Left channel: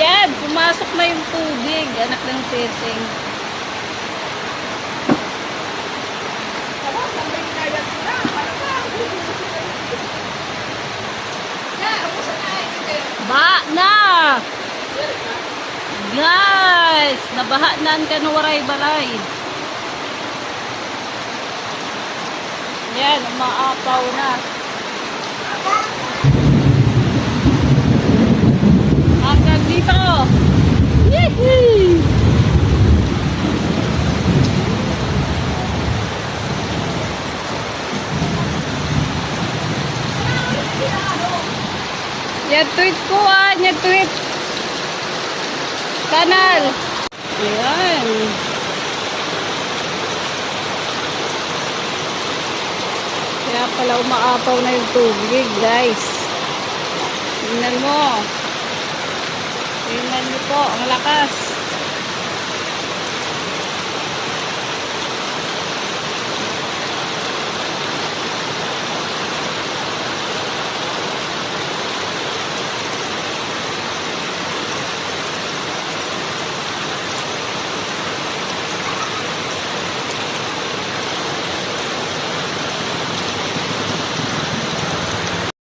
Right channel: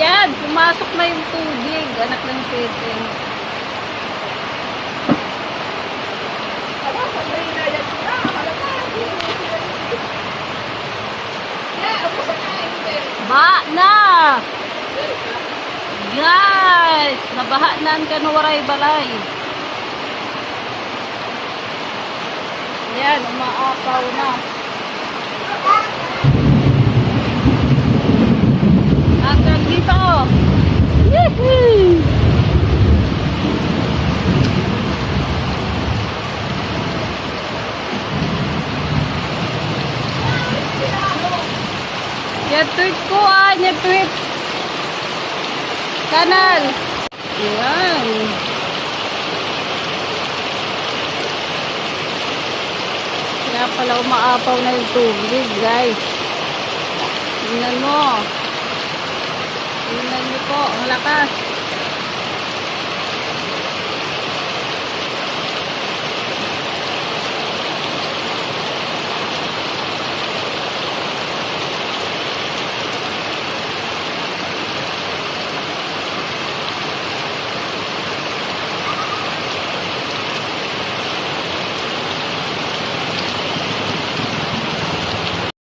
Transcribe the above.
Yan, pumasok na yung tubig. Anak ng peteng. Baha na! Guys, nabaha na ang Kanuwaray Balay. Yan, umaapaw na. Hanggang dito. Yehey! Yan tweet ko yan tweet. Kanal. Ayan. Kaya pala umaapaw na yung tubig, guys. Tingnan mo. Tingnan niyo po, ang lakas.